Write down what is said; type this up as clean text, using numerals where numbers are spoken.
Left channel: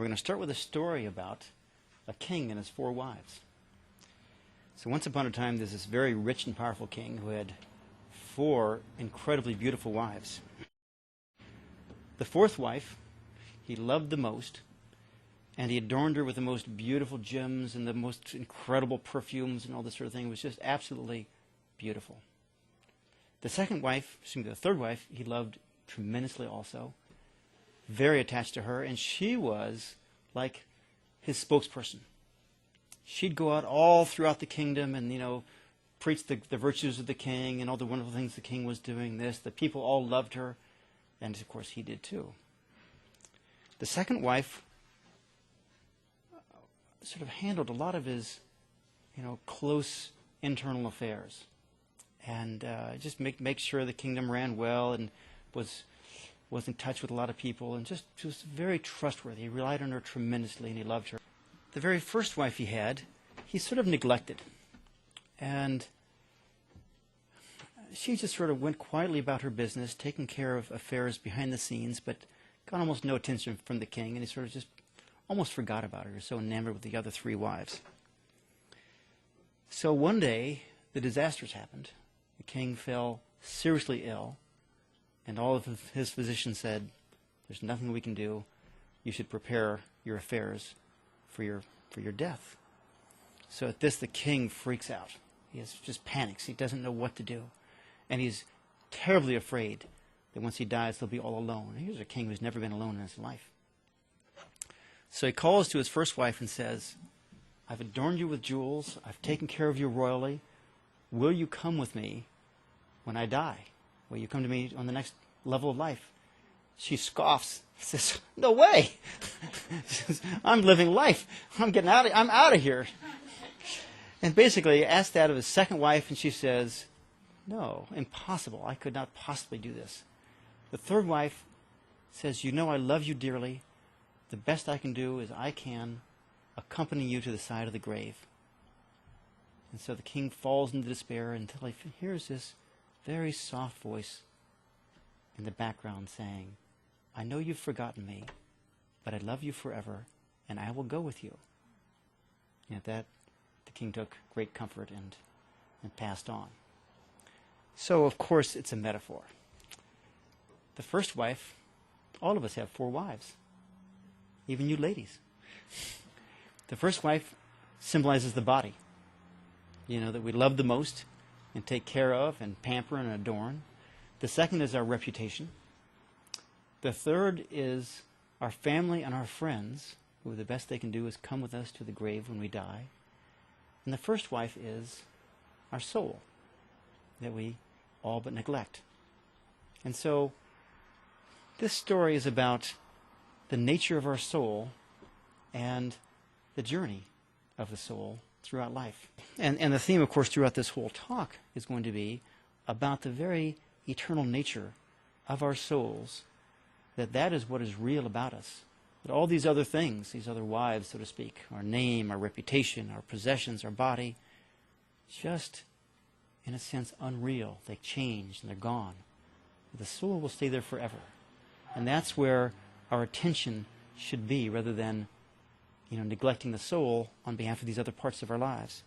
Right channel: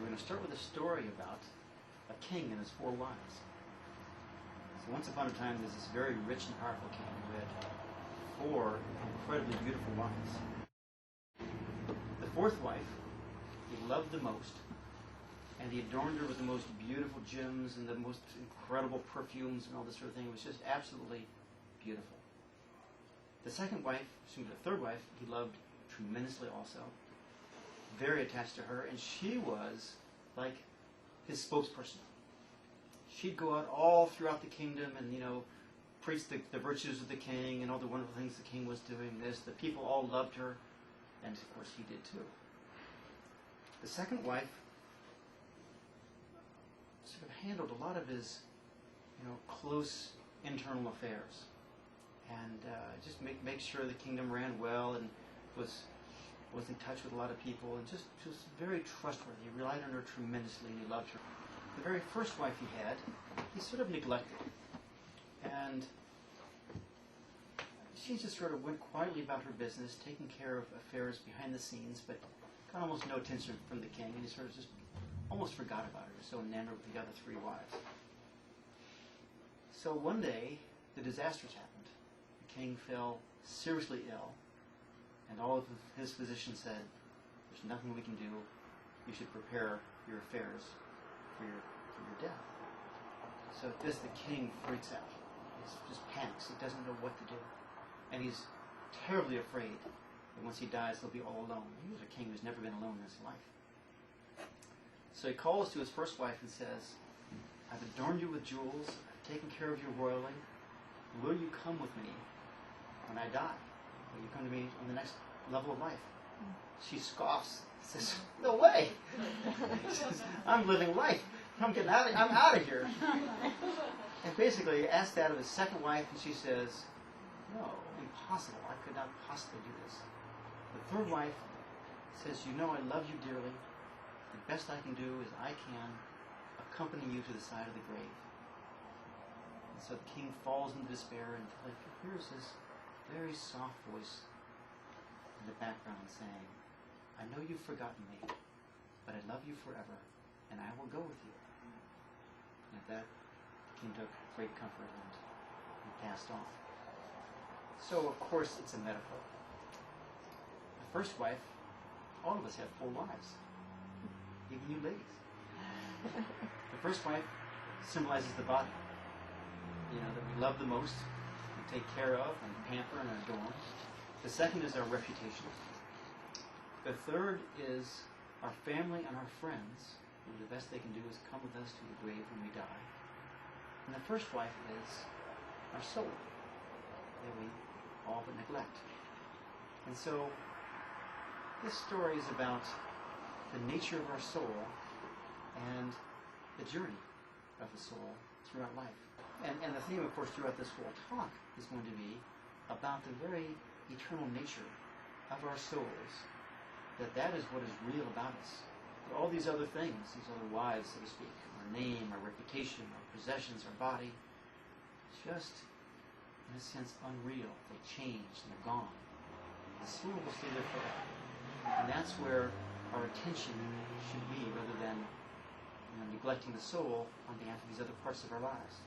We're going to start with a story about a king and his 4 wives. So once upon a time, there's this very rich and powerful king who had 4 incredibly beautiful wives. The 4th wife he loved the most, and he adorned her with the most beautiful gems and the most incredible perfumes and all this sort of thing. It was just absolutely beautiful. The 2nd wife, excuse me, the 3rd wife, he loved tremendously also. Very attached to her, and she was like his spokesperson. She'd go out all throughout the kingdom and, preach the virtues of the king and all the wonderful things the king was doing. The people all loved her, and of course he did too. The 2nd wife sort of handled a lot of his, close internal affairs, and just make sure the kingdom ran well, and was in touch with a lot of people, and just very trustworthy. He relied on her tremendously, and he loved her. The very first wife he had, he sort of neglected, and she just sort of went quietly about her business, taking care of affairs behind the scenes, but got almost no attention from the king, and he sort of just almost forgot about her, so enamored with the other 3 wives. So one day, the disasters happened. The king fell seriously ill, and all of his physicians said, "There's nothing we can do. You should prepare your affairs for your death." So at this, the king freaks out. He just panics. He doesn't know what to do, and he's terribly afraid that once he dies, he'll be all alone. Here's a king who's never been alone in his life. So he calls to his first wife and says, "I've adorned you with jewels. I've taken care of you royally. Will you come with me when I die? Will you come to me on the next level of life?" She scoffs. Says, "No way." Says, "I'm living life. I'm out of here." And basically he asked that of his 2nd wife, and she says, "No, impossible. I could not possibly do this." The 3rd wife says, "I love you dearly. The best I can do is I can accompany you to the side of the grave." And so the king falls into despair until he hears this very soft voice in the background saying, "I know you've forgotten me, but I love you forever, and I will go with you." And at that, the king took great comfort and passed on. So, of course, it's a metaphor. The first wife, all of us have 4 wives, even you ladies. The first wife symbolizes the body, that we love the most and take care of and pamper and adorn. The 2nd is our reputation. The 3rd is our family and our friends, who the best they can do is come with us to the grave when we die. And the first wife is our soul, that we all but neglect. And so this story is about the nature of our soul and the journey of the soul throughout life. And the theme, of course, throughout this whole talk is going to be about the very eternal nature of our souls, that is what is real about us. That all these other things, these other wives, so to speak, our name, our reputation, our possessions, our body, just, in a sense, unreal. They change and they're gone. But the soul will stay there forever. And that's where our attention should be, rather than neglecting the soul on behalf of these other parts of our lives.